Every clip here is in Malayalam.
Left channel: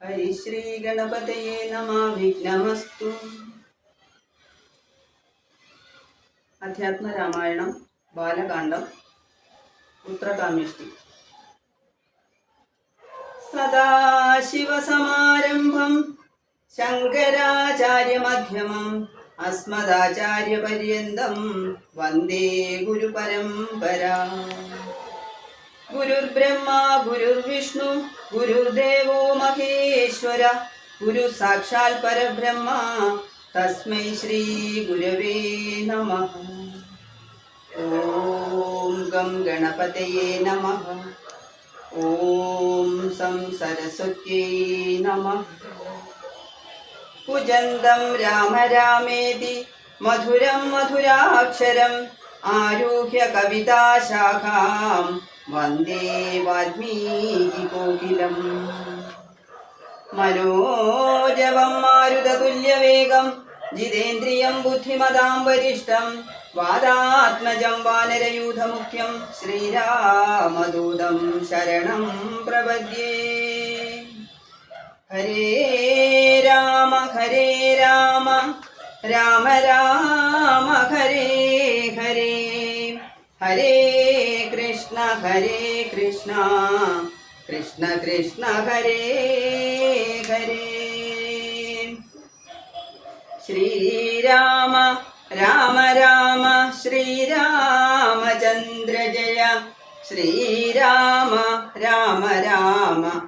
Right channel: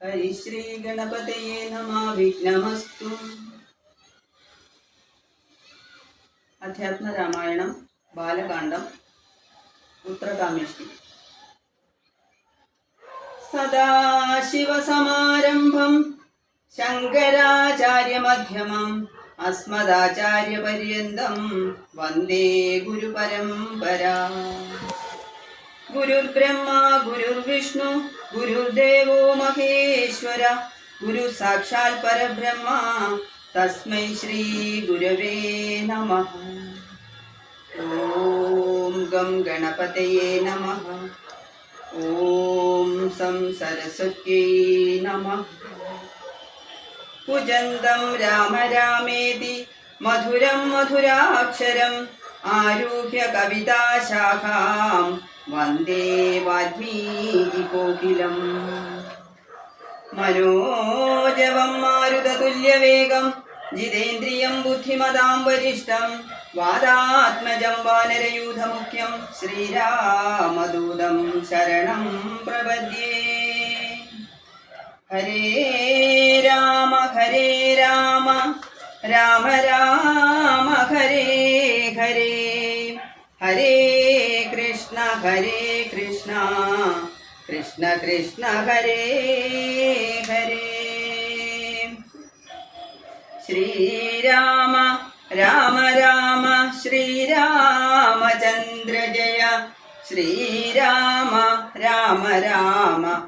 ഹരിശ്രീ ഗണപതയേ നമ വിഘ്നമസ്തു. അധ്യാത്മ രാമായണം ബാലകാണ്ഡം ഉത്രകാമേഷ്ടി സദാശിവസമാരംഭം ശങ്കരാചാര്യമധ്യമം അസ്മദാചാര്യപര്യന്തം വന്ദേ ഗുരുപരമ്പരാ. ഗുരുർബ്രഹ്മ ഗുരുർവിഷ്ണു ഗുരുദേവോ മഹേശ്വര ഗുരു സാക്ഷാൽ പരബ്രഹ്മ തസ്മൈ ശ്രീ ഗുരവേ നമ. ഓം ഗം ഗണപതയേ നമ. ഓം സം സരസ്വത്യൈ നമ. कुजन्दं राम रामेति मधुरं मधुराक्षरम् आरुह्य कविताशाखां वंदे वाल्मीकिकोकिलम् मनोजवं मारुततुल्यवेगं, जितेन्द्रियं बुद्धिमदां वरिष्ठं वादात्मजं वानरयूथमुख्यं, श्रीरामदूतं शरणं प्रपद्ये। ഹരേ രാമ ഹരേ രാമ. രാമ രാമ ഹരേ ഹരേ. ഹരേ കൃഷ്ണ ഹരേ കൃഷ്ണ. കൃഷ്ണ കൃഷ്ണ ഹരേ ഹരേ. ശ്രീരാമ രാമ രാമ ശ്രീരാമചന്ദ്ര ജയ. ശ്രീരാമ രാമ രാമ.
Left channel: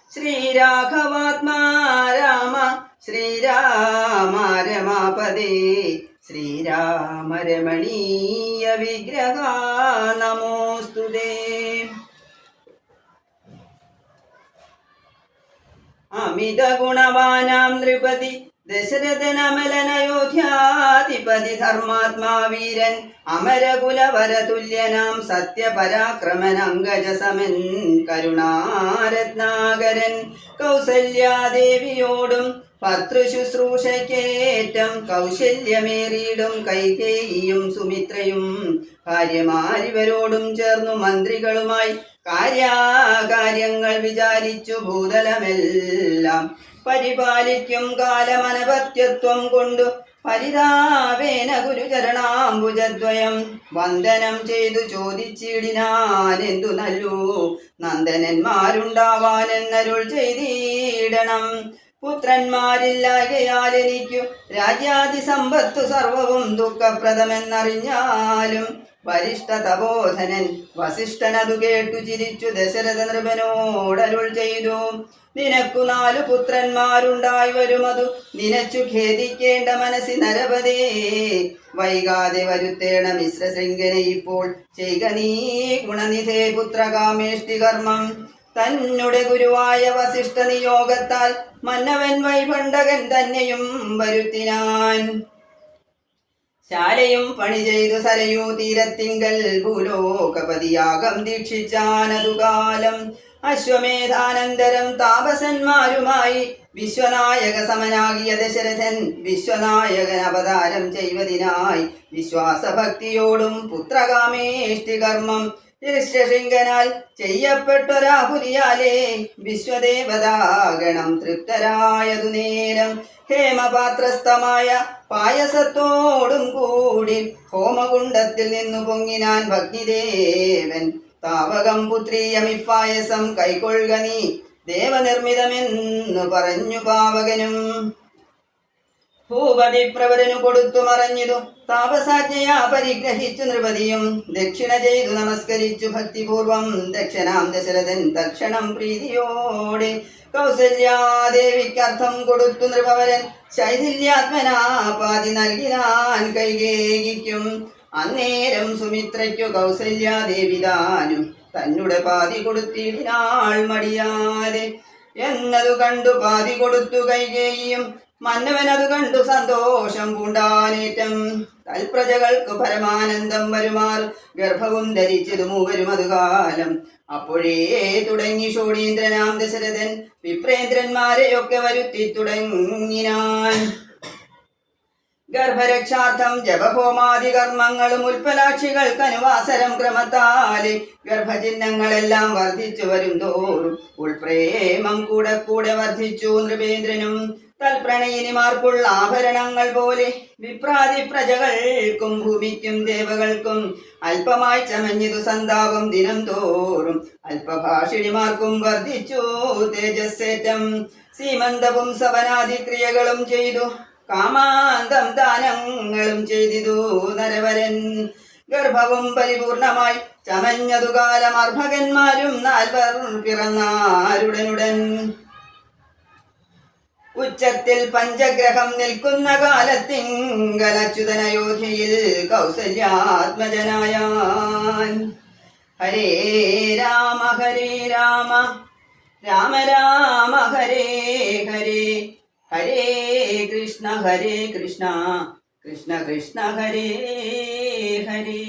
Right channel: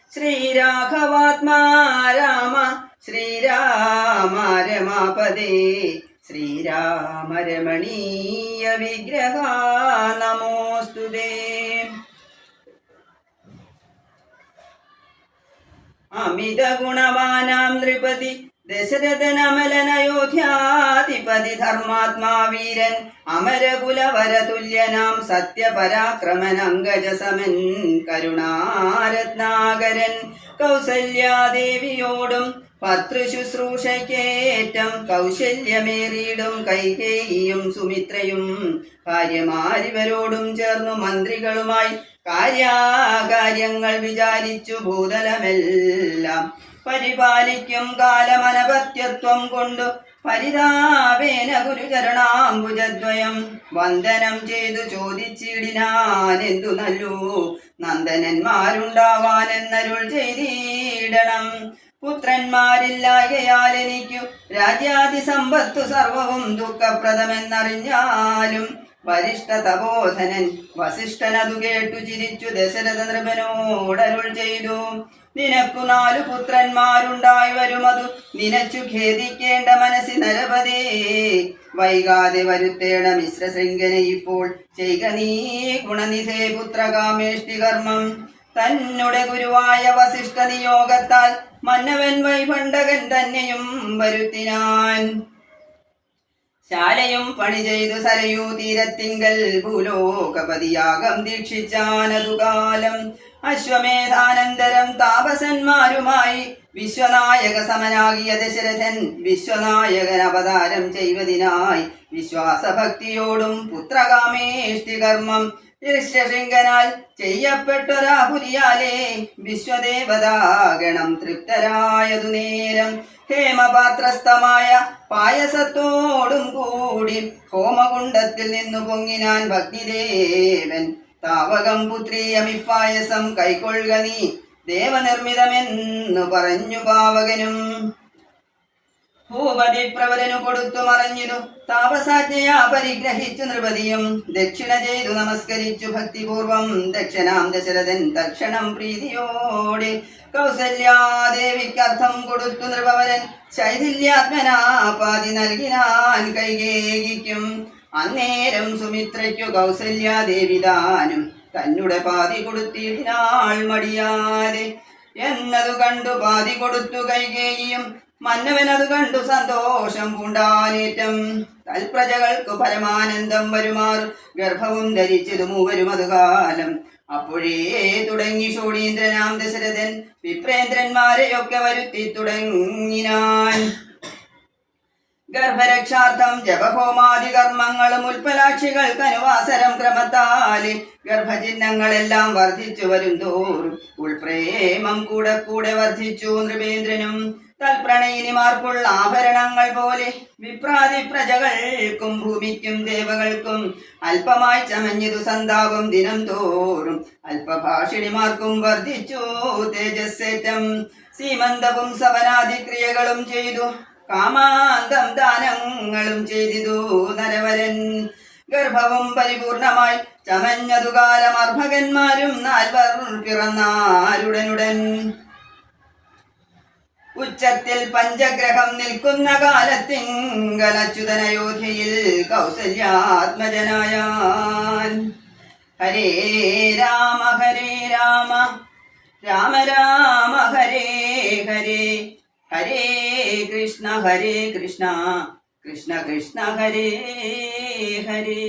ശ്രീരാഘവാത്മാ രാമ ശ്രീരാമ രമാപദേ ശ്രീരാമ രമണീയ വിഗ്രഹ നമോസ്തുതേ അമിത ഗുണവാനാം നൃപതി ദശരഥനമലനയോധ്യാധിപതി ധർമാത്മാവീരൻ അമരകുലവരതുല്യനാം സത്യപരാക്രമൻ കരുണാരത്നാകരൻ കൗസല്യാദേവിയോടും പതൃശുശ്രൂഷയ്ക്കേറ്റം കൗശല്യമേറിയിടും കൈകേയിയും സുമിത്രയും ഭാര്യമാരിവരോടും ചേർന്നു മന്ത്രികളുമായി കാര്യാകാര്യങ്ങൾ വിചാരിച്ചു ഭൂതലമെല്ലാം പരിപാലിക്കും കാലമനപത്യത്വം കൊണ്ടു പരിതാപേന ഗുരുചരണാംബുജദ്വയം. വന്ദനം ചെയ്തു ചോദിച്ചിടിനാൻ എന്തു നല്ലു? നന്ദനന്മാരുണ്ടാവാനെന്നരുൾ ചെയ്തിടണം. പുത്രന്മാരില്ലായകയാൽ എനിക്കു രാജ്യാതി സമ്പത്തു സർവവും ദുഃഖപ്രദമെന്നറിഞ്ഞാലും വരിഷ്ഠ തപോധനൻ വസിഷ്ഠനതു കേട്ടു ചിരിച്ചു ദശരഥ നൃപനോടരുൾ ചെയ്തു. നിനക്കു നാലു പുത്രന്മാരുണ്ടായി വരുമതു. നിനച്ചു ഖേദിക്കേണ്ട മനസ്സി നരപതേ. വൈകാതെ വരുത്തേണ മിശ്ര ഇപ്പോൾ ചെയ്ക നീ ഗുണനിധേ പുത്രകാമേഷ്ടി കർമ്മം. തന്നുടെ ഗുരുവായ വസിഷ്ഠ നിയോഗത്താൽ മന്നവൻ വൈഭണ്ഡകൻ തന്നെയും വരുത്തിനാൻ. ശാലയും പണി ചെയ്തു സരയൂ തീരത്തിങ്കൽ ഭൂലോകപതിയാകം ദീക്ഷിച്ചാനതുകാലം അശ്വമേധാനന്തരം താപസന്മാരുമായി വിശ്വനായക സമനാകിയ ദശരഥൻ വിശ്വനായകൻ അവതാരം ചെയ്വതിനായി വിശ്വാസഭക്തിയോടും പുത്രകാമേഷ്ടി കർമ്മം ശൃംഖനാൽ ചെയ്യപ്പെട്ടൊരാഹുലിയാലേ വിശ്വദേവതാഗണം തൃപ്തരായതു നേരം ഹേമപാത്രസ്ഥമായ പായസത്തോടും കൂടി ഹോമകുണ്ടത്തിൽ നിന്നു പൊങ്ങിനാൻ ഭഗ്നിദേവൻ താവകം പുത്രീയമിപ്പായസം കൈക്കൊള്ളുക നീ ദേവനിർമ്മിതമെന്നു പറഞ്ഞു പാവകനും. ഭൂപതി പ്രവരനു കൊടുത്തു മറഞ്ഞിതു താപസാജ്ഞയാ പരിഗ്രഹിച്ചു നൃപതിയും. ദക്ഷിണ ചെയ്തു നമസ്കരിച്ചു ഭക്തിപൂർവം. ദക്ഷിണാം ദശരഥൻ തക്ഷണം പ്രീതിയോടെ കൗസല്യാദേവിക്കർത്ഥം കൊടുത്തു നൃപവരൻ. ശൈഥില്യാത്മനാപാതി നൽകിനാൻ കൈകേകിക്കും. അന്നേരം സുമിത്രയ്ക്കു കൗസല്യാദേവി താനും തന്നുടെ പാതി കൊടുത്തിടിനാൾ മടിയാതെ. എന്നതു കണ്ടു പാതി കൊടുത്തു കൈകേയും മന്നവനതു കണ്ടു സന്തോഷം പൂണ്ടാനേറ്റം. തൽപ്രജകൾക്ക് പരമാനന്ദം വരുമാർ. ഗർഭവും ധരിച്ചതു മൂവരും അതുകാലം അപ്പോഴേ തുടങ്ങി ഷോടീന്ദ്രനാം ദശരഥൻ. വിപ്രേന്ദ്രന്മാരെയൊക്കെ വരുത്തി തുടങ്ങിനാൻ. ഗർഭരക്ഷാർത്ഥം ജപഹോമാദി കർമ്മങ്ങളും ഉൽപ്പലാക്ഷികൾക്ക് അനുവാസരം ക്രമത്താൽ ഗർഭചിഹ്നങ്ങളെല്ലാം വർദ്ധിച്ചു വരും തോറും ഉൾപ്രേമം കൂടെ കൂടെ വർദ്ധിച്ചു നൃപേന്ദ്രനും. തൽപ്രണയിനിമാർക്കുള്ള ആഭരണങ്ങൾ പോലെ വിപ്രാതി പ്രജകൾക്കും ഭൂമിക്കും ദേവകൾക്കും അല്പമായി ചമഞ്ഞതു സന്താപം ദിനം തോറും അല്പഭാഷിണിമാർക്കും വർദ്ധിച്ചു തേജസ്സേറ്റം. സീമന്തവും സവനാദി ക്രിയകളും ചെയ്തു കാമാന്തം ദാനങ്ങളും ചെയ്തിതു നരവരൻ. ഗർഭവും പരിപൂർണമായി ചമഞ്ഞതു കാലം അർഭകന്മാരും നാൽവർ പിറന്നാരുടനുടൻ. ഉച്ചത്തിൽ പഞ്ചഗ്രഹം നിൽക്കുന്ന കാലത്തിങ്കലച്യുതനയോധ്യയിൽ കൗസല്യാത്മജനായാൻ. ഹരേ രാമ ഹരേ രാമ രാമ രാമ ഹരേ ഹരേ ഹരേ കൃഷ്ണ ഹരേ കൃഷ്ണ കൃഷ്ണ കൃഷ്ണ ഹരേ ഹരേ.